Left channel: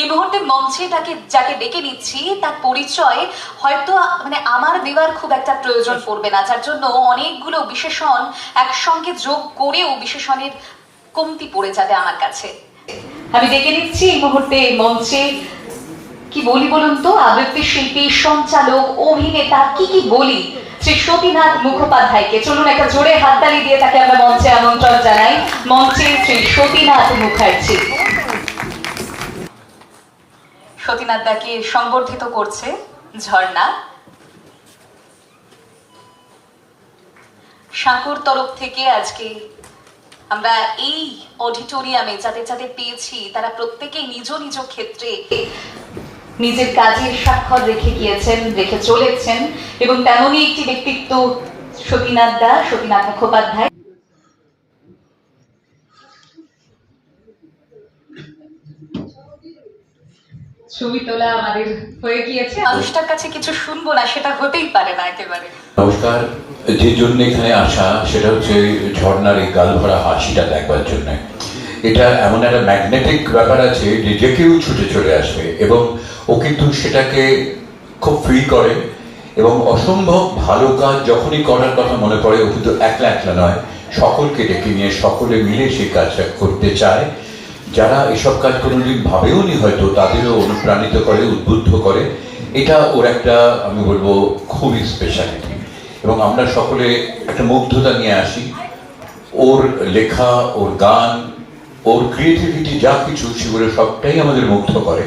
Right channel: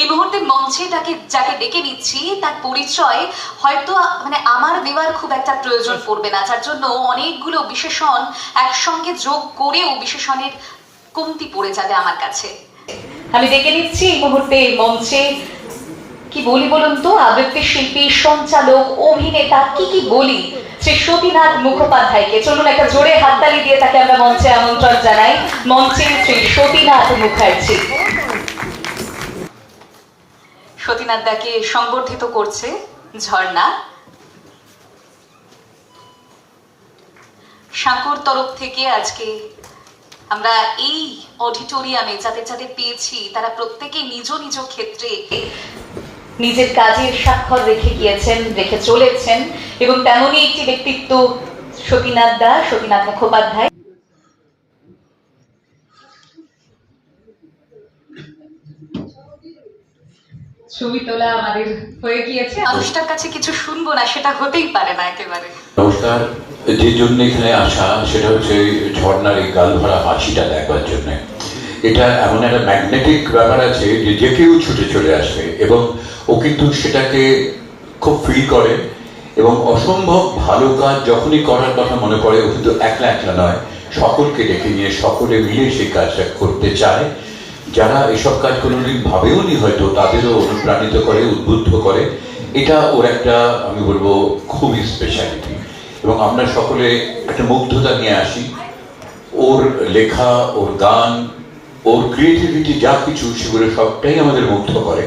এই মুহূর্তে মঞ্চে তাকে, যাকে ডেকে নিচ্ছি, তার পরিচয় হয়তো মানে আমার দেওয়ার খুব একটা প্রয়োজন পড়বে না, যার জন্য অনেকগুলো বিশেষণ একসঙ্গে যোগ করেও বিশেষণের কমতি পড়ে যাবে আমার কাছে। আমি ডেকে নিচ্ছি এই মুহূর্তে মঞ্চে, কি বলি বলুন তো? আবৃত্তি শিল্পী, সঞ্চালক, অভিনেতা, কি কি বলি? শ্রী সতীনাথ মুখোপাধ্যায়কে চলুন একটা জোরে হাততালি দিয়ে তাকে আমরা মঞ্চে আমন্ত্রণ জানাই। মঞ্চে শ্রী সতীনাথ মুখার্জি। সতীনাথ দাকে সংবর্ধিত করছে ঝর্ণা। সাঁকুর তরফ থেকে আজকে আমরা এই অডিটোরিয়ামে যাদের যাদের পেয়েছি, তারা প্রত্যেকেই নিজ নিজ ক্ষেত্রে নিজের কাজের স্বাক্ষর রেখে গিয়েছেন, রেখে চলেছেন এবং তেমনই একটি ব্যক্তিত্ব সতীনাথ দা, সতীনাথ মুখোপাধ্যায়। এবং ও কিন্তু সেটাকে খুব ফিল করে এবং অসম্ভব ভালো কাজ যখনই করার কথা মনে পড়ে, ও কিন্তু একলা একলা নয়, সকলকে ডেকে নিয়ে, সকলে মিলে সেই কাজটা করতে চায়। যারা এসব কাজ কোনোদিন ভাবেও নি হয়তো তাদেরও অনুপ্রাণিত করে, উদ্বুদ্ধ করে, এটা ওর একটা, আমি বলব, খুবই স্পেশালিটি এবং আমরা সকলে একটা মুগ্ধতা নিয়ে আসি। ওর লেখা, ওর গান, ওর ক্রিয়েটিভিটি যা কিছু, সেগুলো সবটাই আমাদের মুগ্ধ করে।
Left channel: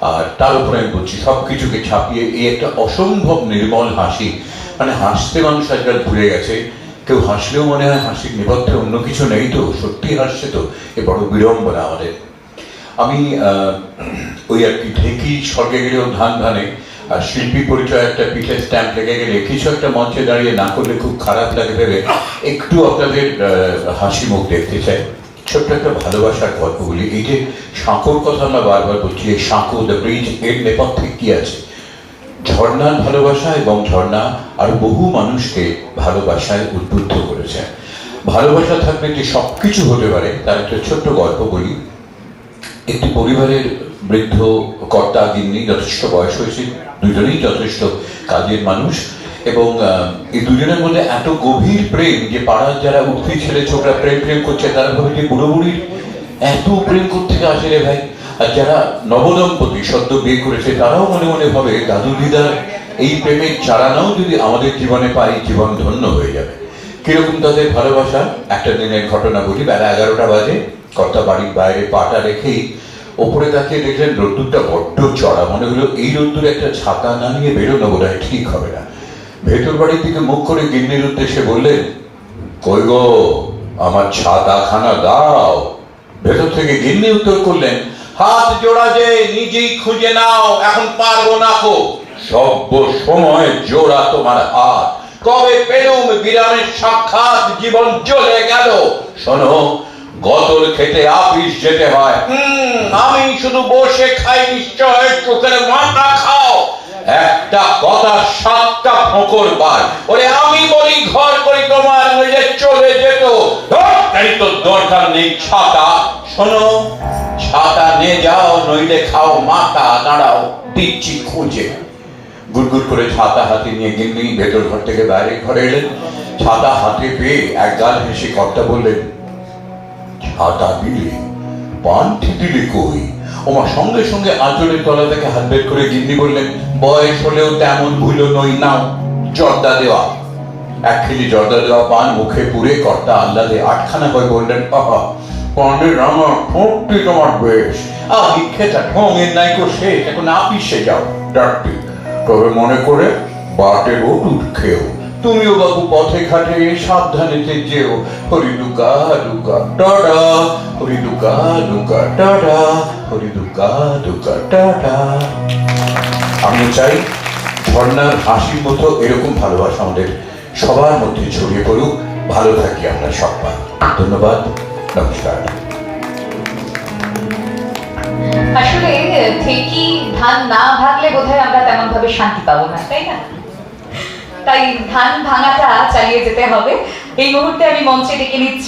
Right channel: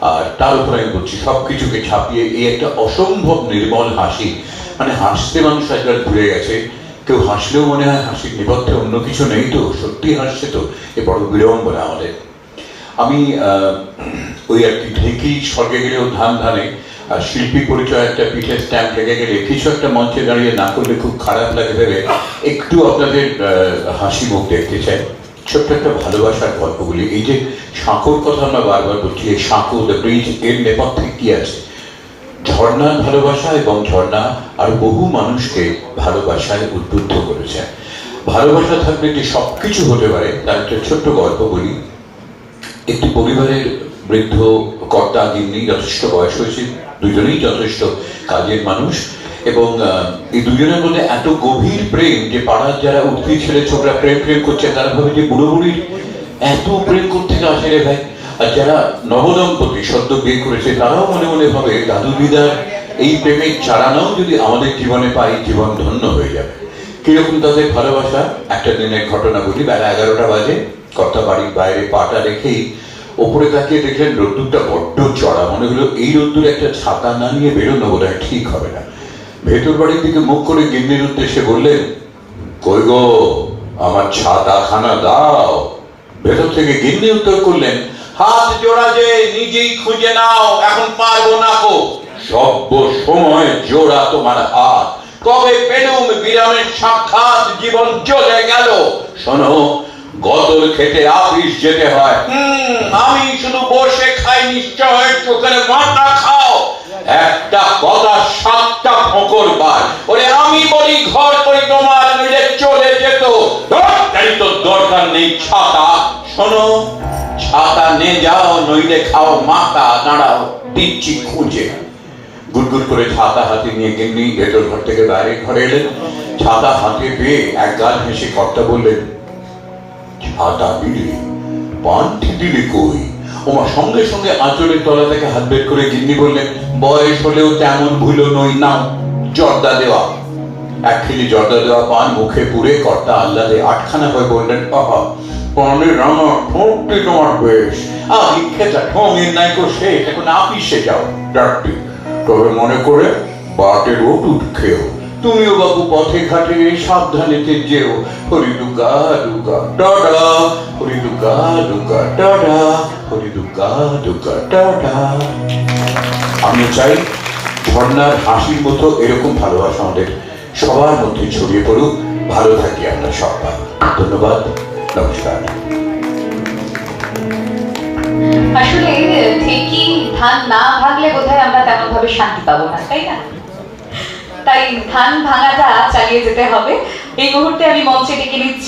আর তার উপর আমি বলছি সব কিছুকে ছাপিয়ে এই একটা অসম্ভব নির্মল হাসি। মানে হাসতে মানুষ আজকাল ভুলে গেছে। কেউ হাসলেও মনে হয় হাসির নেপথ্যে অন্য কিছু নেই তো সত্যি হাসছে তো, এ বড় বিড়ম্বনা আমাদের। আমি ওই কি ঢেকি স্বর্গে গেলেও ধান ধানে, আর শিল্পী পরিচয় একটা পিঠে স্ট্যাম্প লেগে গেলে কিছু একটা মঞ্চে দাঁড়িয়ে না করলে খুব খারাপ লাগে ভেবে একটু আপনাদের হাসি মুখ দেখতে চাই। ছোট্ট একটা ভালোবাসার গল্পগুলি এই যে সাঁকোর কথা আমরা বারবার বলছি, এই সাঁকো দ্য ব্রিজের নেপথ্যে কি আছে? ঝর্ণার ভালোবাসা এবং ঝর্ণা আর বহু মানুষকে ভালোবাসায় উদ্বুদ্ধ করেছে। ভালোবাসা থাকলে যে সবকিছু হতে পারে, তার একটা ছোট্ট গল্প বলি। একটি পরিবারের বৃদ্ধ কর্তা গিন্নি যথেষ্ট বয়স হয়েছে, দুজনেই যথেষ্ট কাজের মানুষ এবং এই দুজনের মধ্যে এত গভীর প্রেম যে পাড়ার যারা উঠতি ছেলে, ছোটরা প্রেম প্রেম করছে, তারা ভাবে যে বুড়ো এত প্রেম করতে আসে রে ভাই? যারা নবদম্পতি সদ্য বিয়ে করেছে, তারাও মনে মনে ভাবে দাদু দিদার এই প্রেমের চারানাও যদি আমাদের জীবনে পাই, জীবন ধন্য হয়ে যাবে। কীরকম তাদের ভালোবাসা? একটা দিনের ঘটনা বলি, বেলা এগারোটা বাজে, কর্তা বাড়ির বাইরে পাটা রেখেই ওপরে তাকিয়ে দেখলেন রোদ্দুরটা বড্ড চড়া, মনে হলো এই রোদ্দুরে একটা ছাতা না নিয়ে বেরোনো বোধ হয় ঠিক হবে না। ভেতর বাড়ির দিকে মুখ করে গিন্নির উদ্দেশ্যে বললেন, কই গো, আমার ছাতা খানা দাও। ভেতর থেকে গিন্নি উত্তর করলেন হাত জোড়া যে নিজেই খুঁজে নাও, এখন পারব না কো সব্য সময় জোড়া তোমার হাত। কবে পেলুম বিরামের সাক্ষাৎ জীবন চলে গেল। শোনো গতর খেতে আপিস যেতে হয়। আমি শুধু বসে খাই নিশ্চয়, চোখের মাথা খাও। একটা কথা সাতটা ফোকর বার। ওরে, আমি বলি, ঘর করি তোমার নইলে চলে যেত। তাই তো দরকার নেই ছাতা। শোনো ছাতা নিয়ে যাও, নইলে খাও, মাথা দাঁড়াও দিচ্ছি খুঁজে। গুড়গুড় করে ছাতা হাতে নিয়ে গিন্নি ভেতর ঘর থেকে বাইরে ঘরে এলেন। ছাতা হাতে পেয়ে এক গাল হেসে কর্তা বললেন ছাতা দিলে, পান্থি দিলে কই? ওমা সঙ্গে সঙ্গে আঁচলের তলা থেকে হাত বের করে গিন্নি বললেন, বয়স হলেও তেমন ভুলো নই, নাও, জর্দা দেওয়া। এক খেলি জর্দা দেওয়া পান মুখে পুরে কর্তা আল্লাদে আটখানা হয়ে বললেন বাবা ঠোঁটটি তোমার বেশ। আর ইচ্ছেটা ঠোঙের নাই কো শেষ এখন আপিসে যাও। ডাক্তি তবে মনে করে বাটের ওটুট খেও। তুমিও বাবু পথে ঘাটে সাবধানেতে যেও। হরি দুগা দুগা টাটা। হরি দুগা দুগা টাটা। হরি দুগা দুগা টাটা। আমি চাই ঝর্ণার হাসির মতো এরকম ভালোবাসা আমাদের সবার মধ্যে ছড়িয়ে পড়ুক। ভালো থাকি আমরা সবাই। ধন্যবাদ। নমস্কার। আসলে ঠিকই ধান না ভাগলে বোধহয় আমরা তেমন ভাবে শান্তি পাবো না, তাই না? তাই ধান ভাঙাটা চালিয়ে যেতে হবে। এই মুহূর্তে আমি মঞ্চে ডেকে নিচ্ছি